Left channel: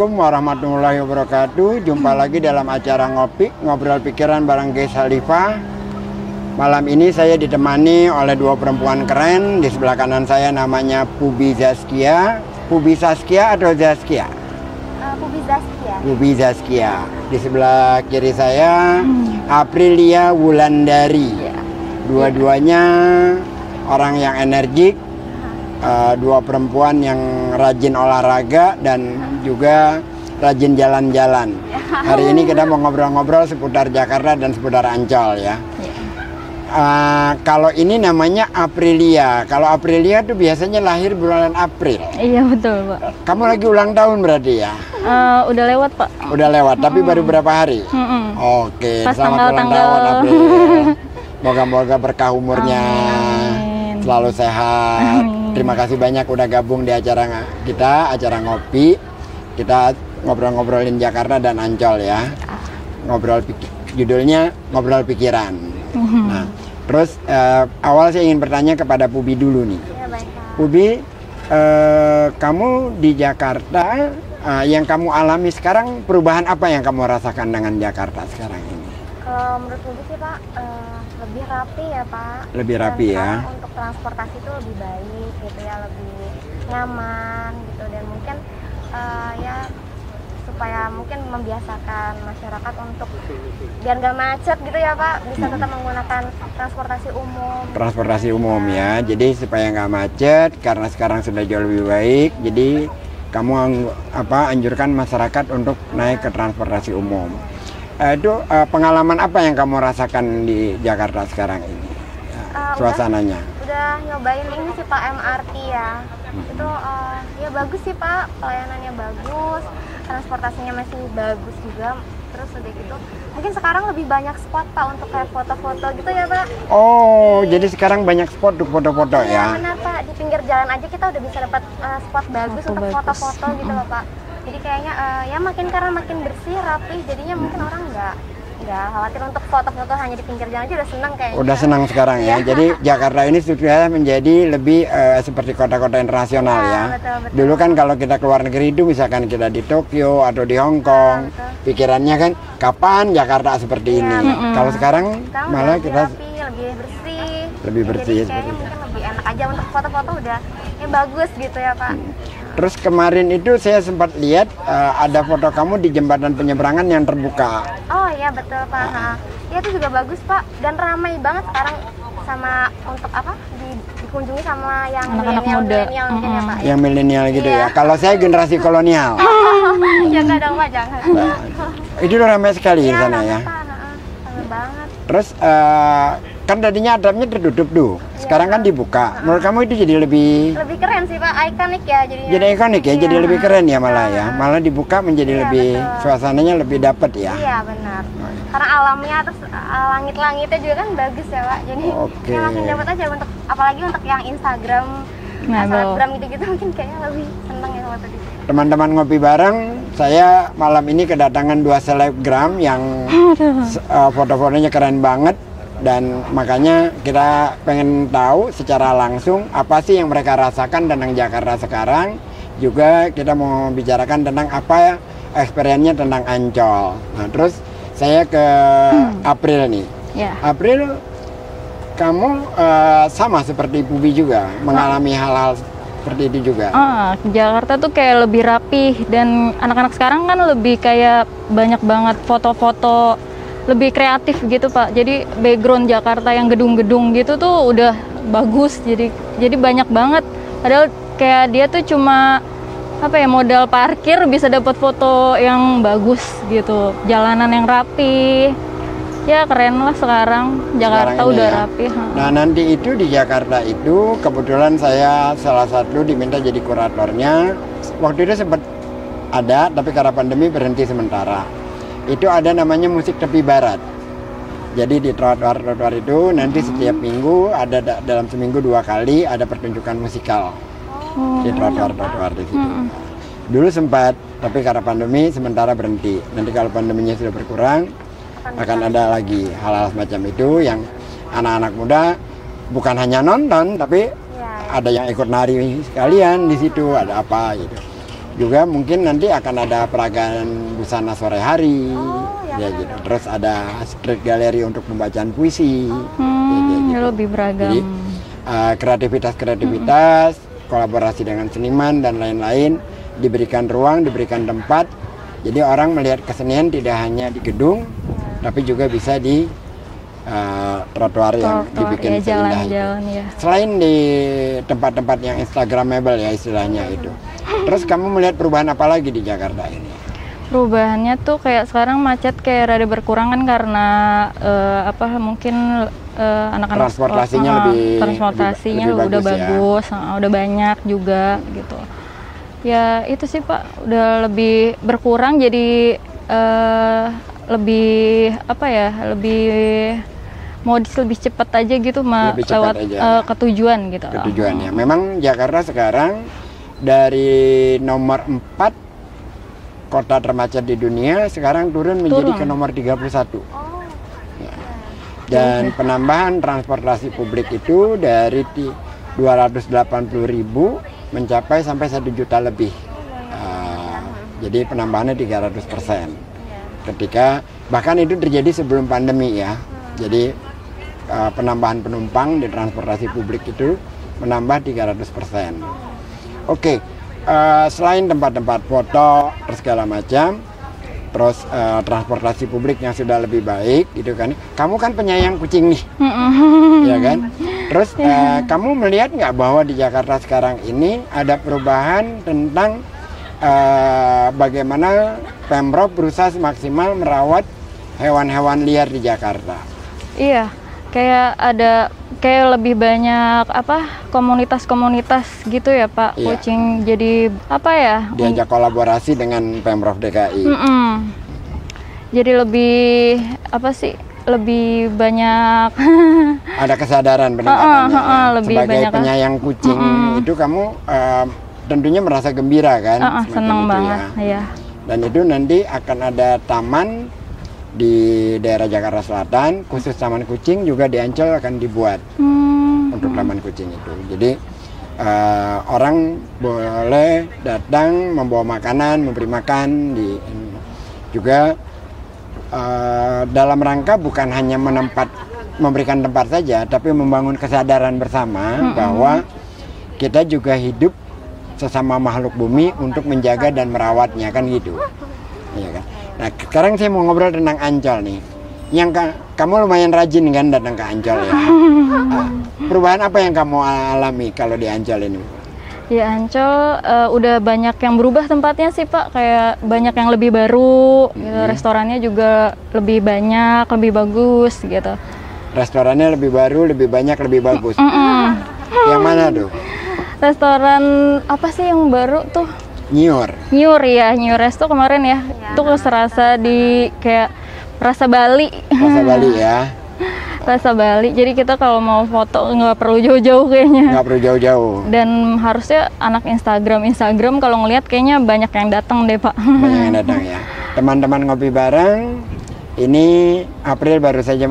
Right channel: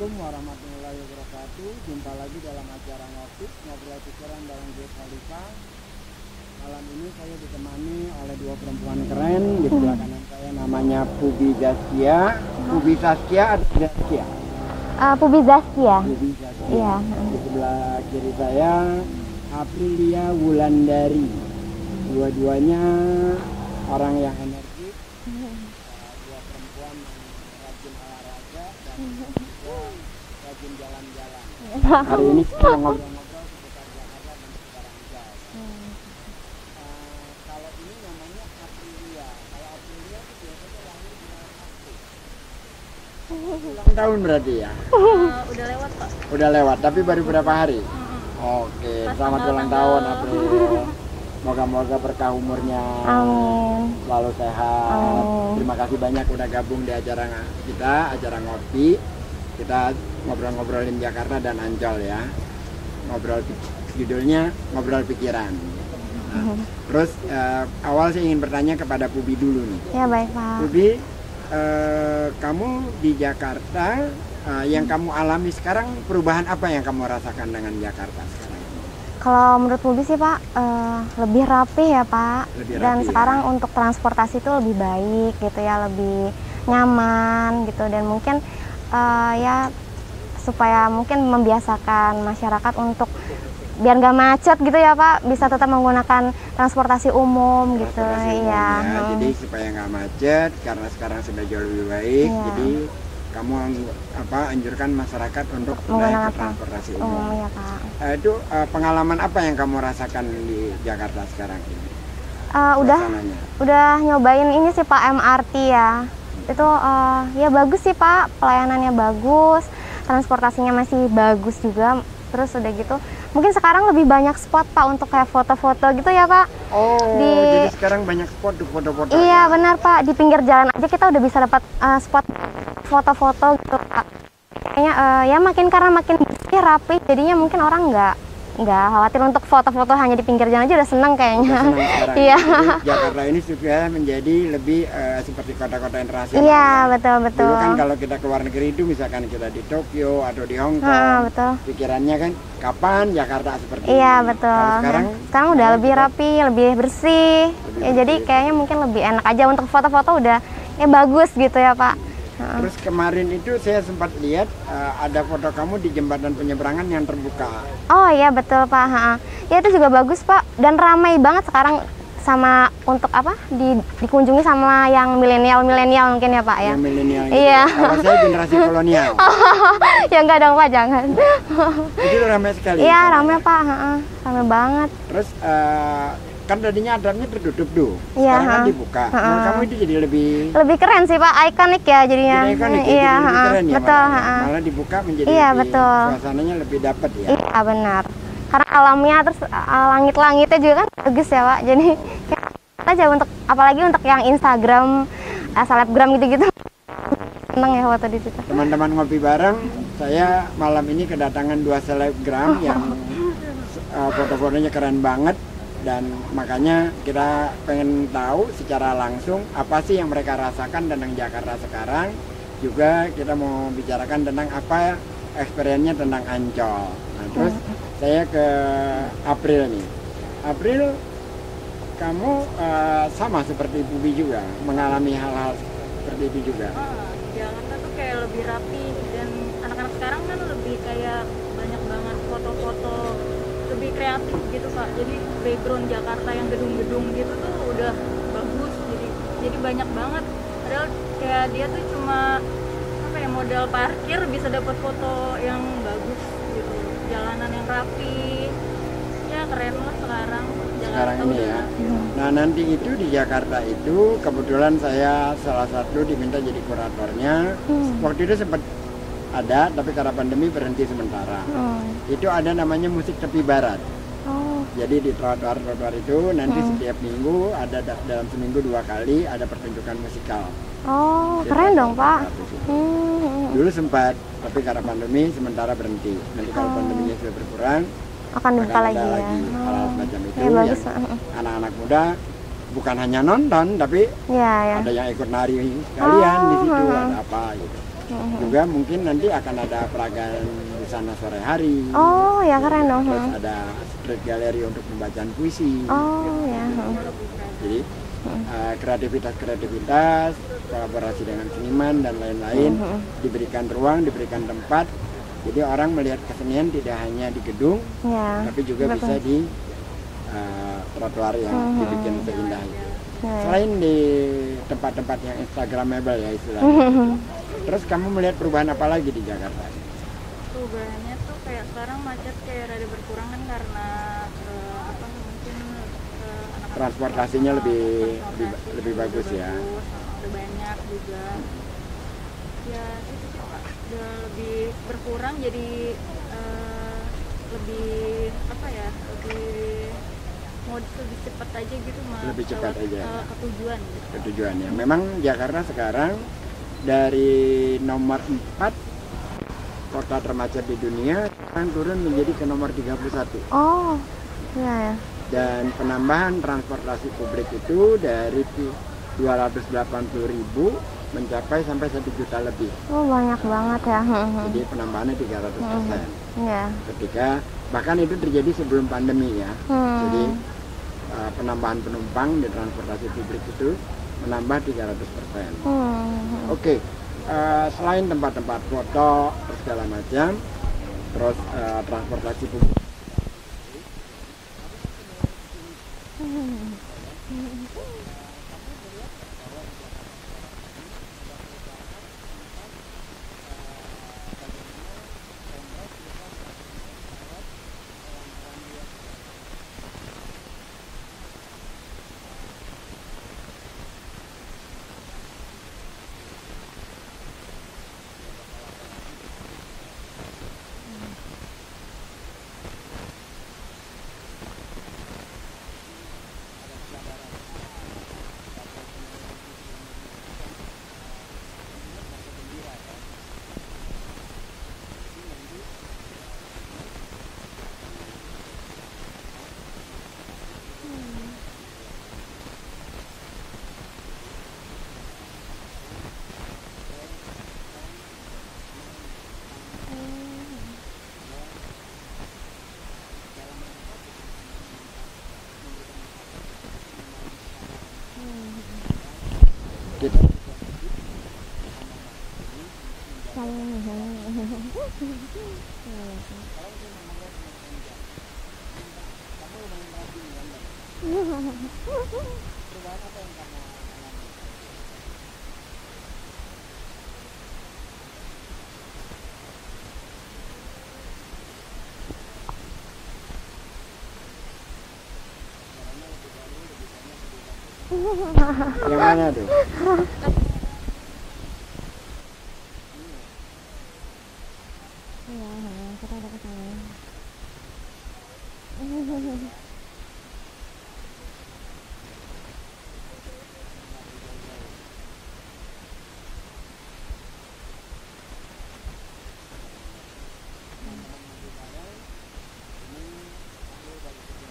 Assalamualaikum warahmatullahi wabarakatuh. Jumpa lagi dalam acara Ngobrol Pikiran bareng Ges Halifah. Malam ini saya ditemani oleh dua perempuan keren. Di sebelah kanan saya namanya Pubi Zaskia. Pubi Saskia atau Zaskia? Pubi Zaskia. Pubi Zaskia. Di sebelah kiri saya Aprilia Wulandari. Dua-duanya orang yang energik. Dua perempuan yang rajin olahraga dan juga rajin jalan-jalan. Hari ini kita mau ngobrol-ngobrol seputar Jakarta dan seputar Ancol ya. Kalau ini namanya Aprilia. Kalau Aprilia tuh biasanya lahir bulan April. Iya betul Pak. Kamu lagi ulang tahun berarti ya? Udah lewat Pak. Udah lewat, tapi baru berapa hari? Oke, pas selamat ulang tahun April. Moga-moga berkah umurnya. Selalu sehat. Terima kasih banyak udah gabung di acara kita, acara ngopi. Kita ngobrol-ngobrolin Jakarta dan Ancol ya. Judulnya Ngobrol Pikiran. Nah, terus awal saya ingin bertanya kepada Pubi dulu nih. Ya baik Pak. Pubi, kamu di Jakarta, yang kamu alami sekarang, perubahan apa yang kamu rasakan dengan Jakarta sekarang ini? Kalau menurut Pubi sih Pak, lebih rapi ya Pak. Lebih rapi. Dan sekarang untuk transportasi itu lebih baik gitu ya, lebih nyaman gitu. Dan mungkin ya supaya mungkin membiasakan masyarakat untuk biar nggak macet gitu ya Pak, bisa tetap menggunakan transportasi umum. Transportasi gitu, umum ya. Jadi supaya nggak macet, karena sekarang sudah jauh lebih baik. Iya. Jadi kamu anjurkan masyarakat untuk naik ke transportasi umum. Ya, Pak. Itu pengalaman apa yang kamu rasakan di Jakarta sekarang ini? Suasananya? Udah nyobain ini sih Pak, MRT ya. Itu ya bagus sih Pak, pelayanannya bagus, transportasinya masih bagus juga. Terus udah gitu, mungkin sekarang lebih banyak spot Pak untuk kayak foto-foto gitu ya Pak. Oh, jadi sekarang banyak spot untuk foto-foto ya? Iya benar Pak, di pinggir jalan aja kita udah bisa dapat spot bagus untuk foto-foto gitu loh Pak. Jadi kayaknya ya karena makin bersih, rapi, jadinya mungkin orang nggak khawatir untuk foto-foto hanya di pinggir jalan aja udah seneng kayaknya. Udah senang sekarang Iya. ya. Jadi Jakarta ini sudah menjadi lebih seperti kota-kota internasional Iya, ya. betul. Dulu kan kalau kita keluar negeri itu misalkan kita di Tokyo atau di Hong Kong, betul. pikirannya kan kapan Jakarta seperti Iya, ini. betul. Kalau sekarang udah malah lebih kita rapi, lebih bersih. Lebih Ya, jadi bersih, kayaknya mungkin lebih enak aja untuk foto-foto udah ya bagus gitu ya Pak. Terus kemarin itu saya sempat lihat ada foto kamu di jembatan penyeberangan yang terbuka. Oh iya betul Pak. Ya itu juga bagus Pak, dan ramai banget sekarang sama untuk apa dikunjungi sama yang milenial mungkin ya Pak ya. Yang milenial gitu Iya. ya. Kalau saya generasi kolonial. Ya enggak dong Pak, jangan. Itu ramai sekali di Iya sana ramai ya. Pak, ramai banget. Terus kan tadinya atapnya tertutup tuh. Iya, Sekarang kan dibuka. Menurut kamu itu jadi lebih keren sih Pak, ikonik ya jadinya. jadi ikonik ya, Iya, jadi lebih keren ya betul, malah ya. Malah dibuka menjadi Iya, lebih betul. suasananya lebih dapet ya. Iya benar. Karena alamnya terus langit-langitnya juga kan bagus ya Pak. Jadi Oke. kayak langsung dapat aja untuk apalagi untuk yang Instagram, selebgram gitu-gitu mungkin kayaknya lebih seneng ya foto di situ. Teman-teman ngopi bareng, saya malam ini kedatangan dua selebgram yang foto-fotonya keren banget. Dan makanya kita pengen tahu secara langsung apa sih yang mereka rasakan tentang Jakarta sekarang. Juga kita mau bicarakan tentang apa experience-nya tentang Ancol. Nah terus saya ke April nih. Ya. April, kamu sama seperti Pubi juga mengalami hal-hal seperti itu juga? Jakarta tuh kayak lebih rapih, dan anak-anak sekarang kan lebih kayak banyak banget foto-foto, lebih kreatif gitu Pak. Jadi background Jakarta yang gedung-gedung gitu tuh udah bagus, jadi banyak banget. Padahal kayak dia tuh cuma modal parkir bisa dapat foto yang bagus gitu, jalanan yang rapi. Ya keren lah sekarang Jakarta udah ya. rapi. Nah nanti itu di Jakarta itu kebetulan saya salah satu diminta jadi kuratornya. Waktu itu sempat ada, tapi karena pandemi berhenti sementara. Itu ada namanya musik tepi barat. Jadi di trotoar-trotoar itu nanti setiap minggu ada dalam seminggu 2 kali ada pertunjukan musikal. Di Keren dong Pak. trotoar-trotoar di situ. Dulu sempat, tapi karena pandemi sementara berhenti. Nanti kalau pandeminya sudah berkurang akan ada lagi hal-hal semacam itu yang anak-anak muda bukan hanya nonton, tapi ada yang ikut nari sekalian di situ, ada apa gitu. Juga mungkin nanti akan ada peragaan busana sore hari. Oh ya, Ya, keren gitu. dong. Terus ada street gallery untuk pembacaan puisi. Ya lebih beragam. Jadi kreativitas kolaborasi dengan seniman dan lain-lain diberikan ruang, diberikan tempat. Jadi orang melihat kesenian tidak hanya di gedung, Ya. tapi juga bisa di trotoar yang dibikin ya, seindah itu. jalan-jalan ya. Selain di tempat-tempat yang instagramable ya istilahnya itu. Terus kamu melihat perubahan apa lagi di Jakarta ini? Perubahannya tuh kayak sekarang macet kayak rada berkurang kan karena mungkin anak-anak Transportasinya transportasinya lebih udah bagus ya. bagus, udah banyak juga gitu. Ya itu sih Pak, udah lebih berkurang jadi lebih lebih modis, lebih cepat aja gitu Lebih cepat lewat aja. ke tujuan gitu. Tujuannya. Memang Jakarta sekarang dari nomor 4 kota termacet di dunia sekarang turun menjadi ke nomor 31. Oh. Iya ya. Dan penambahan transportasi publik itu dari 280.000 mencapai sampai 1 juta lebih. Oh, banyak banget ya. Jadi penambahannya 300%. Iya. Ketika bahkan itu terjadi sebelum pandemi ya. Jadi penambahan penumpang di transportasi publik itu menambah 300%. Oke, selain tempat-tempat foto terus segala macam, terus transportasi publik yang sudah lebih baik gitu kan. Kamu kan penyayang kucing nih, ya kan? Terus kamu melihat nggak bahwa di Jakarta sekarang ini ada perubahan tentang bagaimana Pemprov berusaha semaksimal merawat hewan-hewan liar di Jakarta? Iya, kayak lebih banyak komunitas-komunitas gitu ya Pak. Iya. Kucing jadi Diajak kolaborasi dengan Pemprov DKI. Jadi lebih lebih banyak Ada kesadaran peningkatannya. Ya. lebih Sebagai banyak penyayang kucing itu kamu tentunya merasa gembira kan? Semacam seneng itu banget ya. Dan itu nanti akan ada taman di daerah Jakarta Selatan, khusus taman kucing juga di Ancol akan dibuat untuk taman kucing itu. Jadi orang boleh datang membawa makanan, memberi makan juga dalam rangka bukan hanya memberikan tempat saja, tapi membangun kesadaran bersama bahwa kita juga hidup sesama makhluk bumi untuk menjaga dan merawatnya, kan gitu. Iya kan? Nah, sekarang saya mau ngobrol tentang Ancol nih. Yang kamu lumayan rajin kan datang ke Ancol ya. Perubahan apa yang kamu alami kalau di Ancol ini? Di Ancol udah banyak yang berubah tempatnya sih Pak. Kayak banyak yang lebih baru, gitu. Restorannya juga lebih banyak, lebih bagus gitu. Restorannya lebih baru, lebih banyak, lebih bagus. Yang mana tuh? Restoran apa sih yang baru tuh? Nyur ya, New Resto kemarin ya. Itu serasa di kayak rasa Bali. Rasa Bali ya. Rasa Bali. Jadi kita kalau mau foto nggak perlu jauh-jauh kayaknya. Nggak perlu jauh-jauh. Dan harusnya anak Instagram kalau ngelihat kayaknya banyak yang datang deh Pak. Banyak yang datang ya. Teman-teman ngopi bareng. Ini April baru saja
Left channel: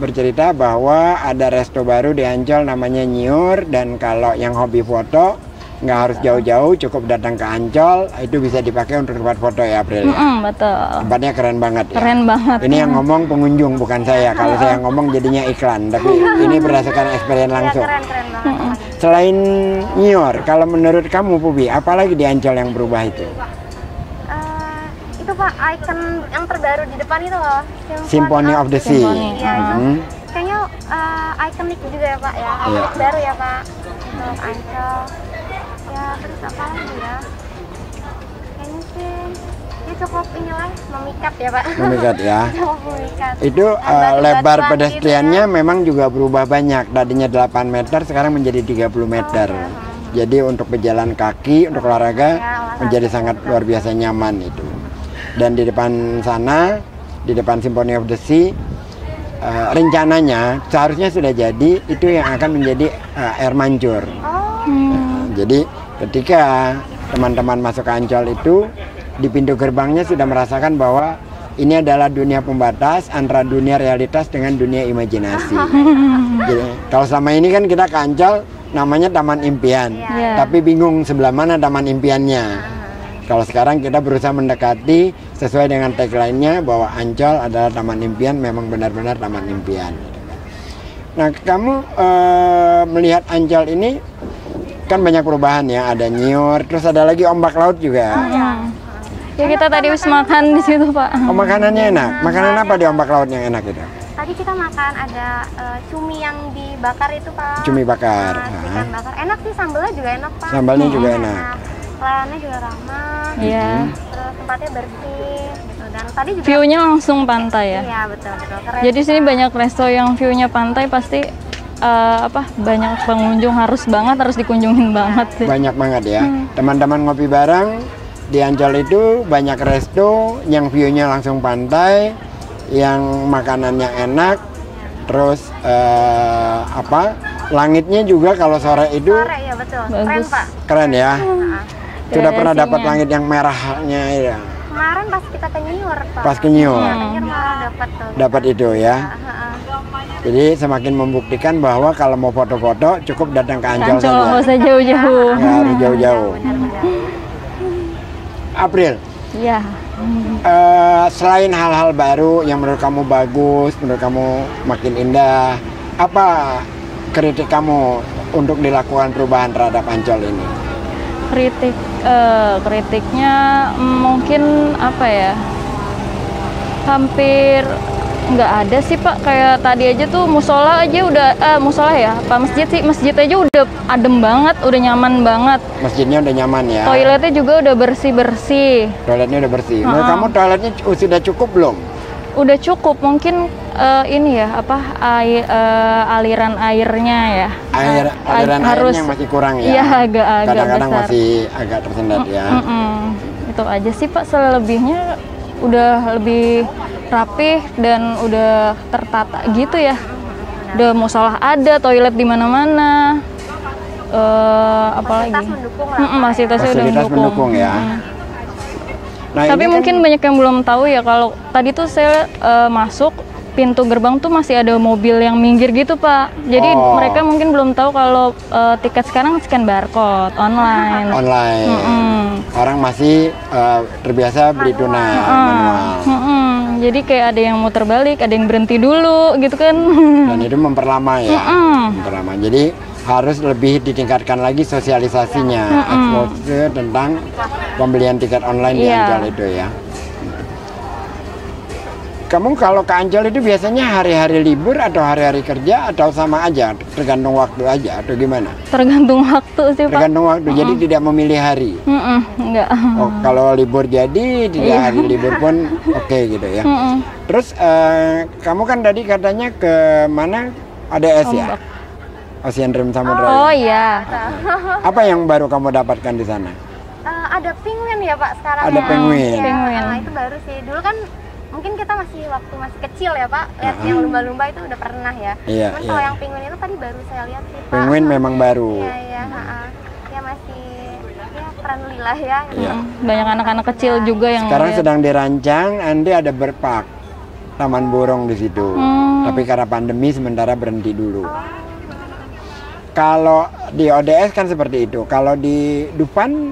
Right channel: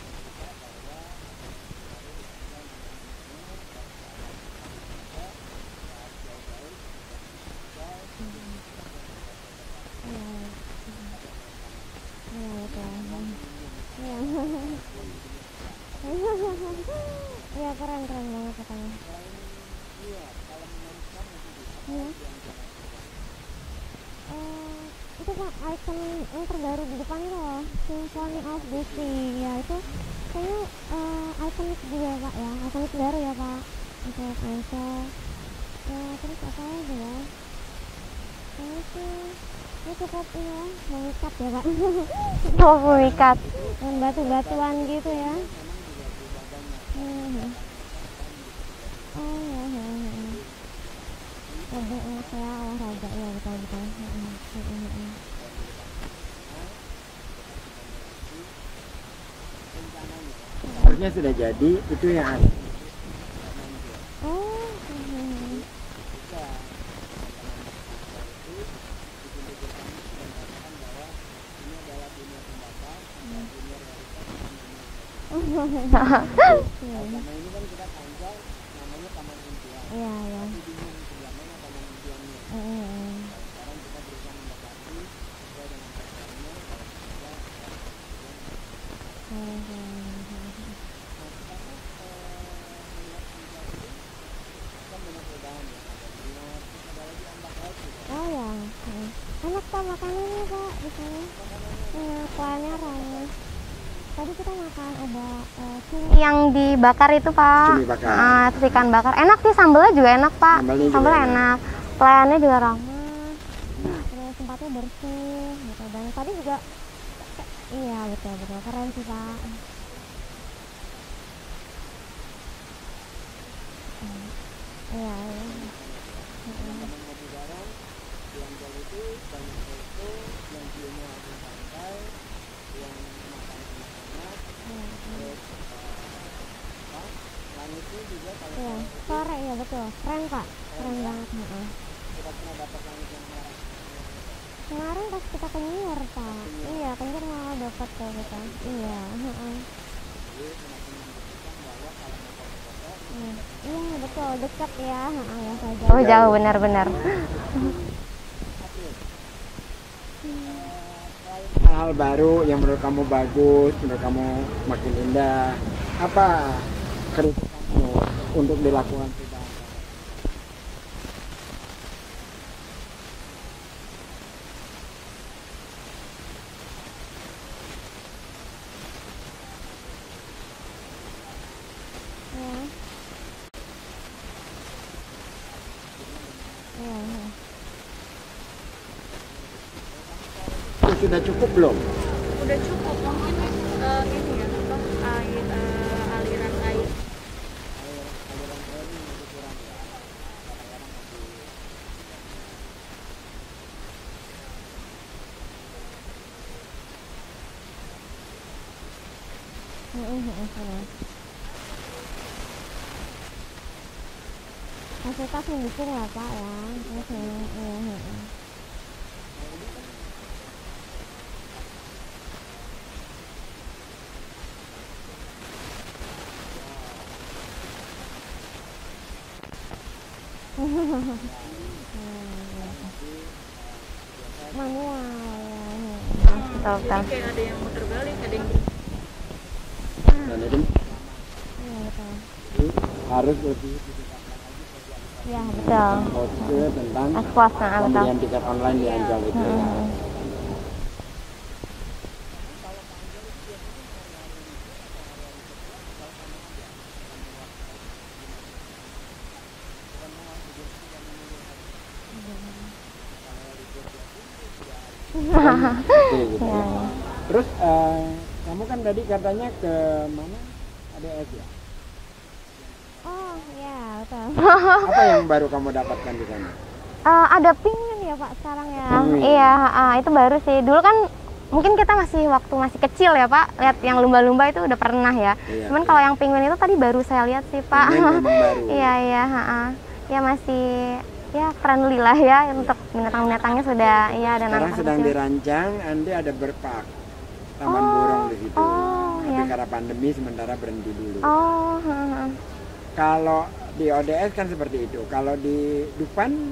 bercerita bahwa ada resto baru di Ancol namanya Nyur, dan kalau yang hobi foto nggak harus jauh-jauh, cukup datang ke Ancol, itu bisa dipakai untuk tempat foto ya April ya. Betul. Tempatnya keren banget ya. Keren banget. Ini yang ngomong pengunjung bukan saya. Kalau saya ngomong jadinya iklan, tapi ini berdasarkan experience langsung. Keren banget. Selain Nyur, kalau menurut kamu Pubi, apalagi di Ancol yang berubah itu? Itu Pak, ikon yang terbaru di depan itu loh. Symphony of the Sea. Iya, kayaknya ikonik juga ya Pak ya. Ikonik baru ya Pak untuk Ancol. Ya, terus apa lagi ya? Kayaknya sih ya cukup inilah, memikat ya Pak. Memikat ya. Cukup memikat. Itu lebar batu-batuan pedestriannya gitu memang juga berubah banyak. Tadinya 8 meter, sekarang menjadi 30 meter. Jadi untuk berjalan kaki, untuk olahraga menjadi sangat luar biasa nyaman itu. Dan di depan sana, di depan Symphony of the Sea, rencananya seharusnya sudah jadi, itu yang akan menjadi air mancur. Jadi ketika teman-teman masuk ke Ancol itu, di pintu gerbangnya sudah merasakan bahwa ini adalah dunia pembatas antara dunia realitas dengan dunia imajinasi. Jadi, kalau selama ini kan kita ke Ancol namanya Taman Impian, tapi bingung sebelah mana taman impiannya. Kalau sekarang kita berusaha mendekati sesuai dengan tagline-nya bahwa Ancol adalah taman impian, memang benar-benar taman impian. Nah, kamu melihat Ancol ini kan banyak perubahan ya, ada nyiur, terus ada lagi ombak laut juga. Ya kita tadi habis makan di situ Pak. Oh, makanannya enak. Makanan apa di ombak laut yang enak itu? Tadi kita makan ada cumi yang dibakar itu Pak. Cumi bakar. Ikan bakar. Enak sih, sambalnya juga enak Pak. Sambalnya juga enak. Pelayannya juga ramah. Iya. Terus tempatnya bersih. Gitu. Dan tadi juga View-nya langsung pantai ya. Iya betul. Keren. Jadi sini banyak resto yang view-nya pantai, pasti banyak pengunjung, harus dikunjungin banget sih. Banyak banget ya. Teman-teman ngopi bareng di Ancol itu banyak resto yang view-nya langsung pantai, yang makanannya enak, terus langitnya juga kalau sore itu Sore ya betul. Keren Bagus. Pak. keren ya. Sudah pernah Gradasinya. dapat langit yang merahnya ya. Kemarin pas kita ke Nyiur Pak. Pas ke Nyiur. Iya, ke Nyiur malah dapat tuh. Dapat itu ya. Jadi semakin membuktikan bahwa kalau mau foto-foto cukup datang ke Ancol Ancol nggak saja. usah jauh-jauh. Nggak harus Jauh jauh-jauh. benar-benar. April, Iya. selain hal-hal baru yang menurut kamu bagus, menurut kamu makin indah, apa kritik kamu untuk dilakukan perubahan terhadap Ancol ini? Kritiknya mungkin apa ya? Hampir nggak ada sih Pak. Kayak tadi aja tuh musola aja udah musola ya, masjid aja udah adem banget, udah nyaman banget. Masjidnya udah nyaman ya? Toiletnya juga udah bersih. Toiletnya udah bersih. Menurut kamu toiletnya sudah cukup belum? Udah cukup, mungkin ini ya aliran airnya ya. Aliran harus airnya masih kurang ya? Iya, agak Kadang-kadang besar. masih agak tersendat ya? Itu aja sih Pak, selebihnya udah lebih rapih dan udah tertata gitu ya. Udah musola ada, toilet di mana-mana. Apalagi Fasilitas mendukung lah. fasilitasnya udah Fasilitas mendukung ya. Nah, Tapi ini mungkin banyak yang belum tahu ya, kalau tadi tuh saya masuk pintu gerbang tuh masih ada mobil yang minggir gitu Pak. Jadi mereka mungkin belum tahu kalau tiket sekarang scan barcode online. online. Orang masih terbiasa beli tunai manual. Jadi kayak ada yang muter balik, ada yang berhenti dulu gitu kan. Dan itu memperlama ya. Memperlama. Jadi harus lebih ditingkatkan lagi sosialisasinya, exposure tentang pembelian tiket online di Iya. Ancol itu ya. Kamu kalau ke Ancol itu biasanya hari-hari libur atau hari-hari kerja atau sama aja, tergantung waktu aja atau gimana? Tergantung waktu sih Pak. Tergantung waktu, jadi tidak memilih hari. Enggak. Oh, kalau libur jadi, tidak hari libur pun oke gitu ya. Terus kamu kan tadi katanya ke mana? Ada es ya? Ocean Rim Samudra. Oh iya. Apa yang baru kamu dapatkan di sana? Ada penguin ya Pak sekarang. Ada ya? penguin. Iya, itu baru sih. Dulu kan mungkin kita waktu masih kecil ya Pak, lihat yang lumba-lumba itu udah pernah ya. Iya, Cuman iya. kalau yang penguin itu tadi baru saya lihat sih Pak. Penguin memang baru. Iya. Ya masih ya friendly lah ya. Iya. Banyak anak-anak kecil juga yang Sekarang lihat. sedang dirancang, nanti ada berpark taman burung di situ. Tapi karena pandemi sementara berhenti dulu. Kalau di ODS kan seperti itu. Kalau di Dufan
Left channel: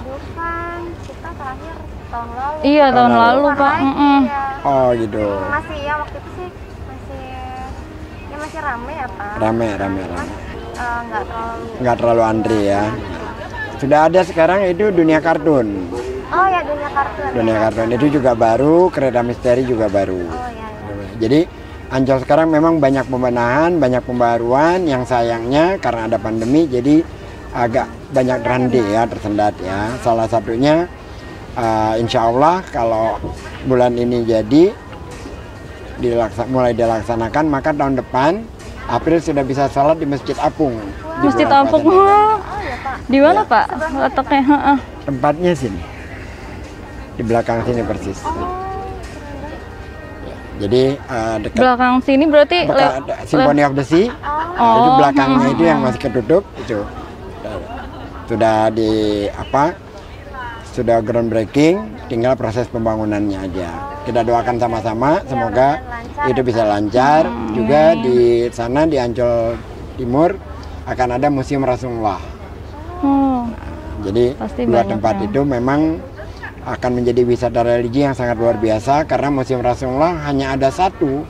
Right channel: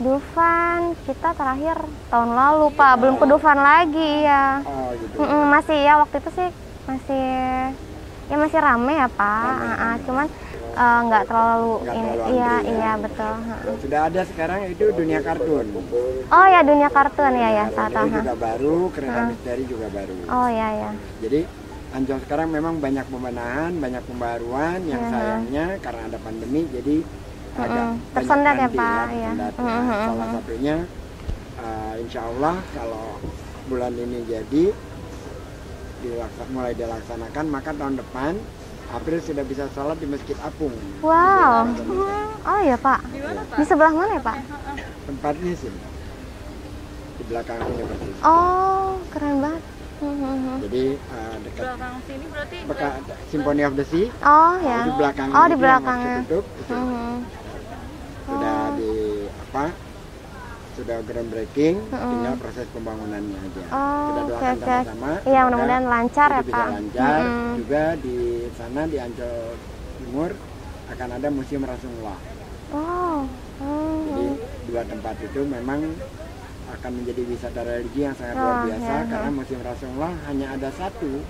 Dufan kita terakhir tahun lalu Iya, Pak. tahun Belum lalu, Dufan Pak. lagi ya. oh gitu. Masih ya waktu itu sih masih rame ya Pak. Rame. Cuman nggak terlalu antri ya. Iya betul. Sudah ada sekarang itu dunia kartun. Oh ya dunia kartun Dunia ya. kartun itu juga baru, kereta misteri juga baru. Oh ya. Jadi Ancol sekarang memang banyak pembenahan, banyak pembaruan yang sayangnya karena ada pandemi jadi agak banyak Tersendat ya, berhenti Pak, ya, ya. tersendat ya. Salah satunya insya Allah kalau bulan ini jadi mulai dilaksanakan, maka tahun depan April sudah bisa sholat di Masjid Apung. Wow. Masjid Apung. Oh ya Pak. Di mana Pak? Di sebelah mana, Letaknya? Tempatnya sini, di belakang sini persis. Oh keren banget. Jadi dekat Belakang sini berarti Symphony of the Sea. Oh. Itu belakangnya di itu yang belakang. masih ketutup itu. Sudah sudah groundbreaking, tinggal proses pembangunannya aja. Kita doakan oke. sama-sama Iya, semoga mudah-mudahan lancar itu ya, bisa Pak. lancar. Juga di sana di Ancol Timur akan ada Museum Rasulullah. Oh. Jadi Pasti dua banyak tempat ya. itu memang akan menjadi wisata religi yang sangat luar biasa karena Museum Rasulullah hanya ada satu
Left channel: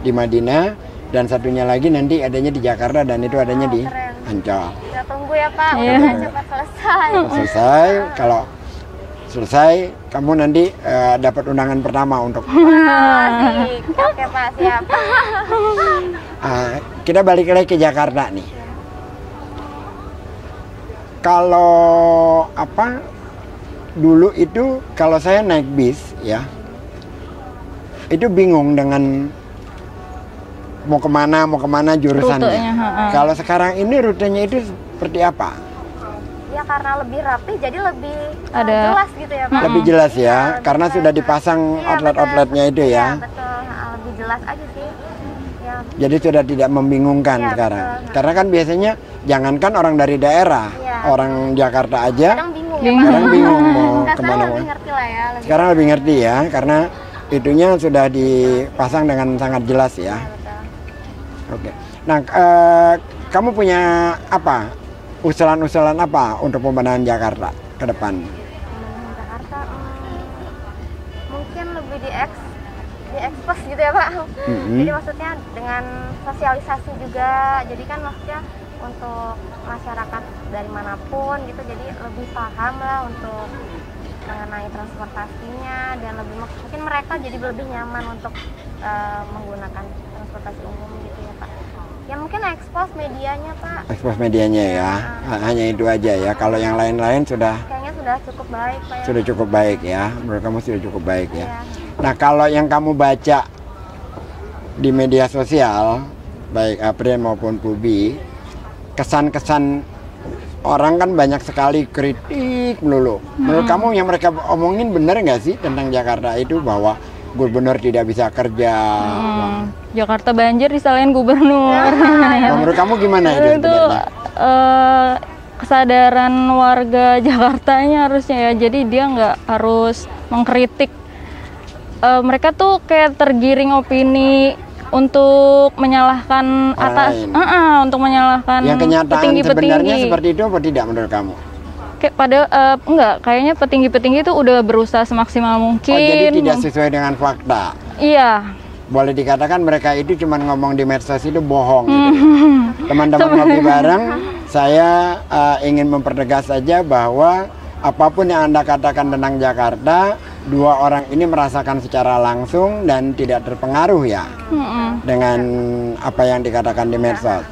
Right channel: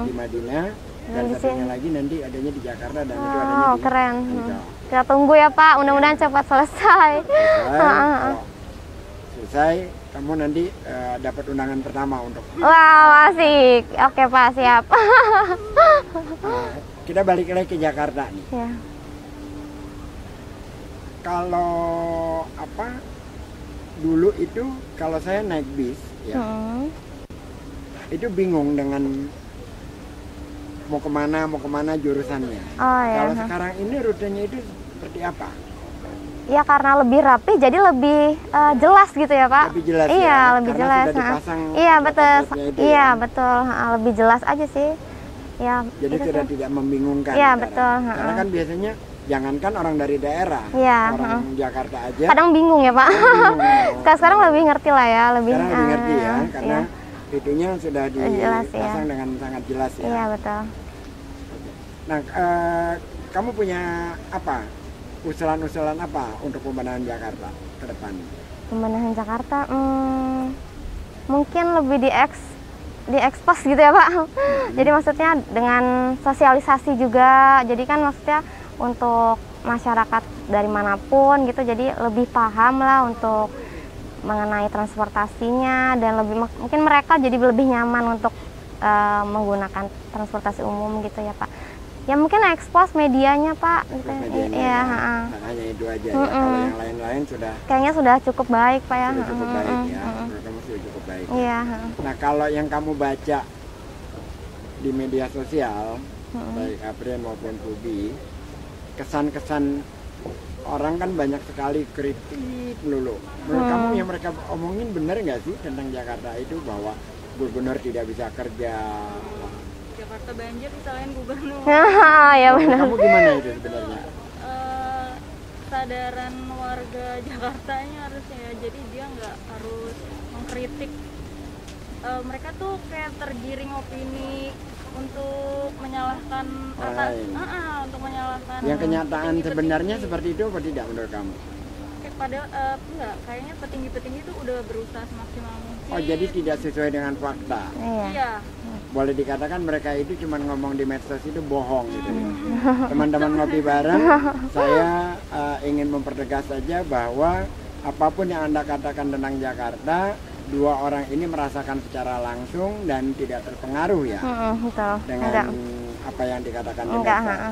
di Madinah dan satunya lagi nanti adanya di Jakarta dan itu adanya di keren. Ancol. Kita tunggu ya Pak, mudah-mudahan cepat selesai. Selesai, kalau selesai kamu nanti dapat undangan pertama untuk Wah, asik. Oke Pak, siap. kita balik lagi ke Jakarta nih. Ya. Kalau apa dulu itu kalau saya naik bis ya itu bingung dengan mau kemana jurusannya. Rutenya. Kalau sekarang ini rutenya itu seperti apa? Ya karena lebih rapi jadi lebih Ada- jelas gitu ya Pak. Lebih jelas Iya, ya, lebih karena jelas. sudah dipasang Iya, outlet-outletnya itu Iya ya. betul, lebih jelas aja sih. Ya, Jadi sudah tidak membingungkan Iya, sekarang. betul. Karena kan biasanya jangankan orang dari daerah, Iya, orang Jakarta aja kadang bingung ya Pak. kadang bingung mau Kita sekarang kemana. lebih ngerti lah ya. Sekarang lebih ngerti ya, karena itunya sudah dipasang ya. dengan sangat jelas Iya ya. betul. Oke. Nah, kamu punya apa? Usulan-usulan apa untuk pembenahan Jakarta ke depan? Pembenahan Jakarta, mungkin lebih diekspos gitu ya Pak. Jadi maksudnya dengan sosialisasi juga. Jadi kan maksudnya untuk masyarakat dari manapun gitu, jadi lebih paham lah untuk mengenai transportasinya dan lebih mungkin mereka jadi lebih nyaman untuk menggunakan transportasi umum gitu ya Pak. Ya mungkin ekspos medianya Pak. Ekspos medianya Iya, ya. Hanya itu aja ya. Kalau yang lain-lain sudah Kayaknya sudah cukup baik Pak ya. sudah cukup baik ya. Menurut kamu sudah cukup baik ya. Iya. Nah, kalau yang kamu baca di media sosial, baik April maupun Pubi, kesan-kesan orang kan banyak sekali kritik melulu. Menurut kamu yang mereka omongin benar nggak sih tentang Jakarta itu bahwa gubernur tidak bisa kerja? Jakarta banjir disalahin gubernur. Ya, Menurut kamu gimana itu? Itu sebenarnya? kesadaran warga Jakartanya harusnya ya. Jadi dia nggak harus mengkritik. Mereka tuh kayak tergiring opini untuk menyalahkan Orang atas, lain. untuk menyalahkan Yang kenyataan petinggi-petinggi. sebenarnya seperti itu apa tidak menurut kamu? Kayak enggak, kayaknya petinggi-petinggi itu udah berusaha semaksimal mungkin. Oh, jadi tidak sesuai dengan fakta. Iya. Boleh dikatakan mereka itu cuma ngomong di medsos itu bohong gitu. Teman-teman ngopi bareng, saya ingin mempertegas saja bahwa apapun yang Anda katakan tentang Jakarta, dua orang ini merasakan secara langsung dan tidak terpengaruh ya dengan apa yang dikatakan di medsos.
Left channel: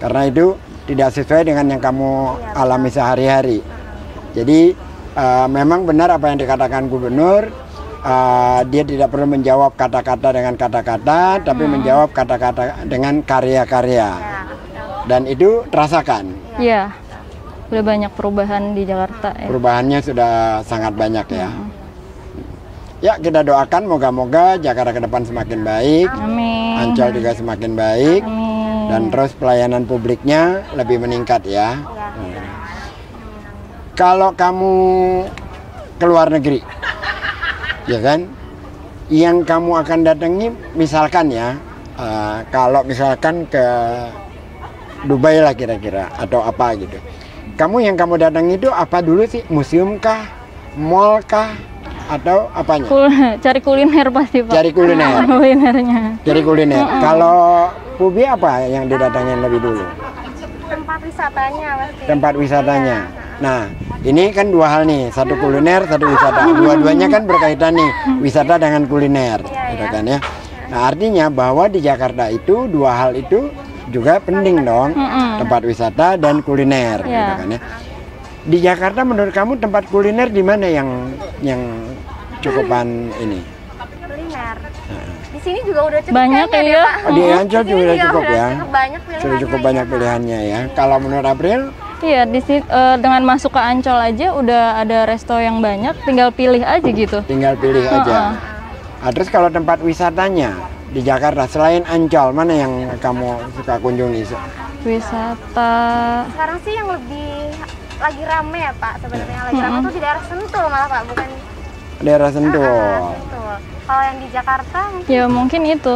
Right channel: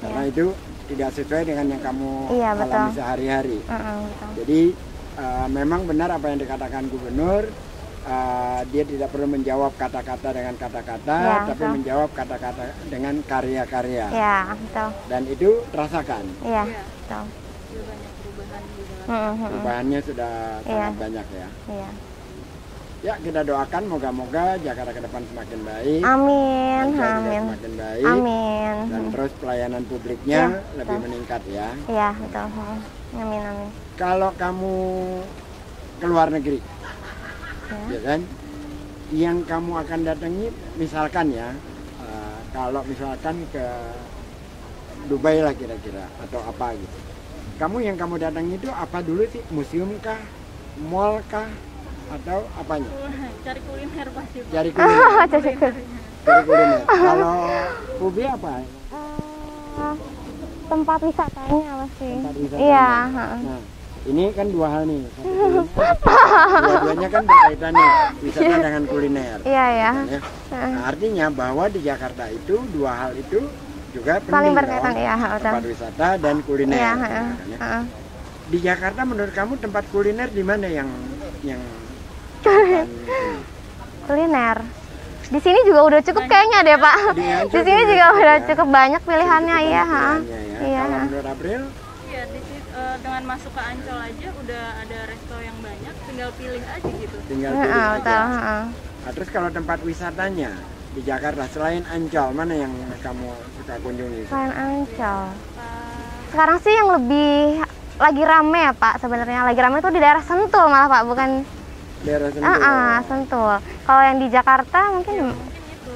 Karena itu tidak sesuai dengan yang kamu Iya, betul. alami sehari-hari. Jadi memang benar apa yang dikatakan gubernur. Dia tidak perlu menjawab kata-kata dengan kata-kata, tapi menjawab kata-kata dengan karya-karya. Iya, betul. Dan itu terasakan. Iya. Betul. Udah banyak perubahan di Jakarta ya. Perubahannya sudah sangat banyak ya. Iya. Ya, kita doakan moga-moga Jakarta ke depan semakin baik, Amin. Ancol juga semakin baik, dan terus pelayanan publiknya lebih meningkat ya. Iya, betul. Amin, amin. Kalau kamu ke luar negeri, ya kan, yang kamu akan datangi misalkan ya, kalau misalkan ke Dubai lah kira-kira atau apa gitu, yang kamu datangi itu apa dulu sih? Museum kah, mall kah, atau apanya? Cari kuliner pasti Pak. Cari kuliner. Kulinernya. Cari kuliner. Kalau Pubi apa yang didatangin lebih dulu? Tempat wisatanya pasti. Tempat wisatanya. Iya, Nah, ini kan dua hal nih, satu kuliner, satu wisata. Dua-duanya kan berkaitan nih, wisata dengan kuliner, Iya, gitu iya. kan ya. Nah, artinya bahwa di Jakarta itu dua hal itu juga penting dong, berkaitan, iya. tempat wisata dan kuliner, gitu Iya. kan ya. Di Jakarta menurut kamu tempat kuliner di mana yang cukupan ini? Kuliner. Di sini juga udah cukup Banyak kayaknya ya. deh Pak. Di Ancol sini juga juga cukup udah ya. cukup banyak Sudah pilihannya cukup banyak ya. pilihannya ya. Iya. Kalau menurut April, Iya, dengan masuk ke Ancol aja udah ada resto yang banyak, tinggal pilih aja gitu. tinggal pilih aja. Nah, terus kalau tempat wisatanya di Jakarta selain Ancol, mana yang kamu suka kunjungi? Wisata. Sekarang sih yang lebih lagi rame ya Pak sebenarnya. Lagi rame tuh di daerah Sentul malah Pak, bukan Daerah Sentul. Sentul. Kalau yang di Jakarta mungkin Ya mungkin itu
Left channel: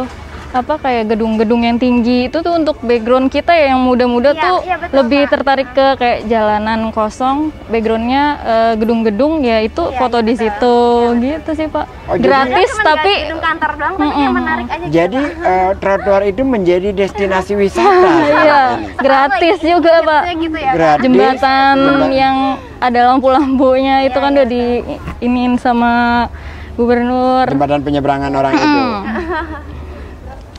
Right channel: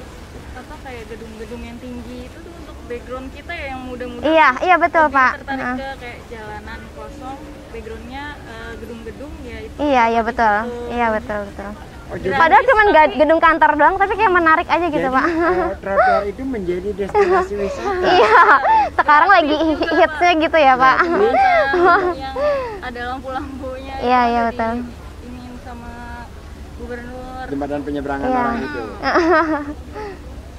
apa kayak gedung-gedung yang tinggi itu tuh untuk background kita ya yang muda-muda Iya, tuh iya, betul, lebih Pak. tertarik ke kayak jalanan kosong, backgroundnya gedung-gedung ya itu Iya, foto iya, di betul. situ Iya, betul, gitu sih betul. Pak. Oh, jadi- Padahal Gratis cuma tapi gedung kantor doang, tapi kayak menarik aja gitu, Jadi Pak. trotoar itu menjadi destinasi wisata. iya, Sekarang gratis lagi juga Pak. hitsnya gitu ya, Pak. Gratis. Jembatan yang ada lampu-lampunya itu Iya, kan iya, udah betul. diinin sama gubernur. Jembatan penyeberangan orang itu.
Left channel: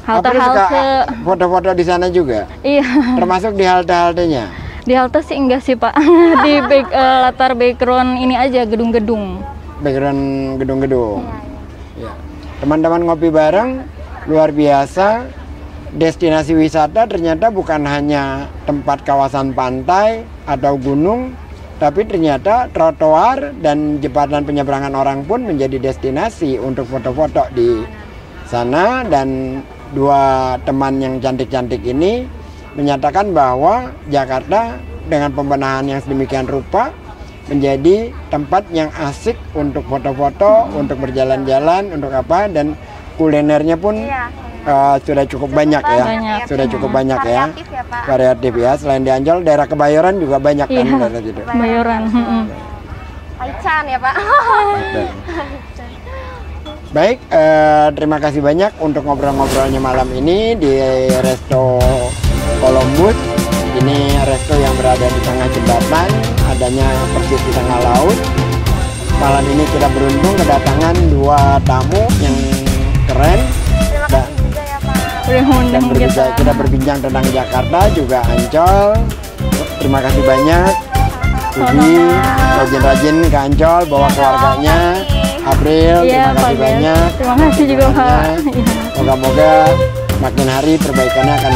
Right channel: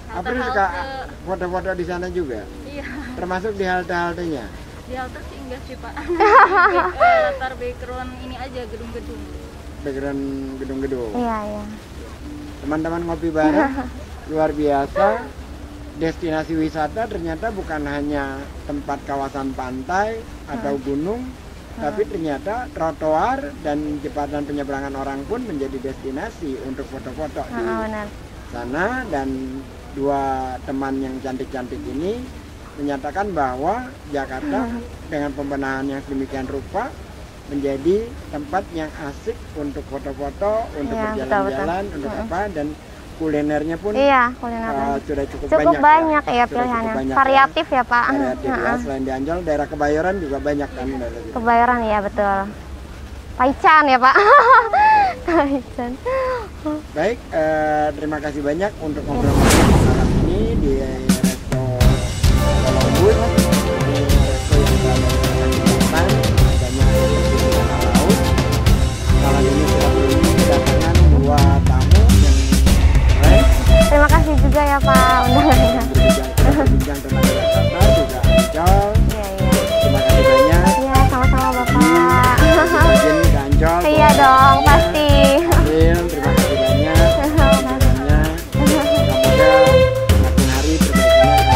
April suka Halte-halte. foto-foto di sana juga, Iya. termasuk di halte-haltenya. Di halte sih enggak sih Pak. Di latar background ini aja gedung-gedung. Background gedung-gedung. Iya, iya. Ya. Teman-teman ngopi bareng, luar biasa. Destinasi wisata ternyata bukan hanya tempat kawasan pantai atau gunung, tapi ternyata trotoar dan jembatan penyeberangan orang pun menjadi destinasi untuk foto-foto di Benar. sana. Dan dua teman yang cantik-cantik ini menyatakan bahwa Jakarta dengan pembenahan yang sedemikian rupa menjadi tempat yang asik untuk foto-foto, untuk Iya, berjalan-jalan, untuk apa, dan kulinernya pun Iya, sudah cukup banyak ya. ya, Sudah Pak. cukup banyak ya. Variatif ya, Pak. Variatif ya. Selain di Ancol, daerah Kebayoran juga banyak kan. Iya. daerah situ. Kebayoran ya, Kebayoran, betul. Paican ya, Pak. Baik, terima kasih banyak untuk ngobrol-ngobrolnya malam ini di Resto Columbus. Ini resto yang berada di tengah jembatan, adanya persis di tengah laut. Malam ini kita beruntung kedatangan dua tamu yang keren. Terima kasih juga ya, Pak. Kita berbincang tentang Jakarta, juga Ancol. Terima kasih banyak. Iya, sama-sama. Ugi, rajin-rajin ke Ancol, bawa Iya dong, keluarganya. pasti. April, Iya, terima Pak kasih Des. banyak. Terima kasih juga Pak. Moga-moga makin hari perbaikannya akan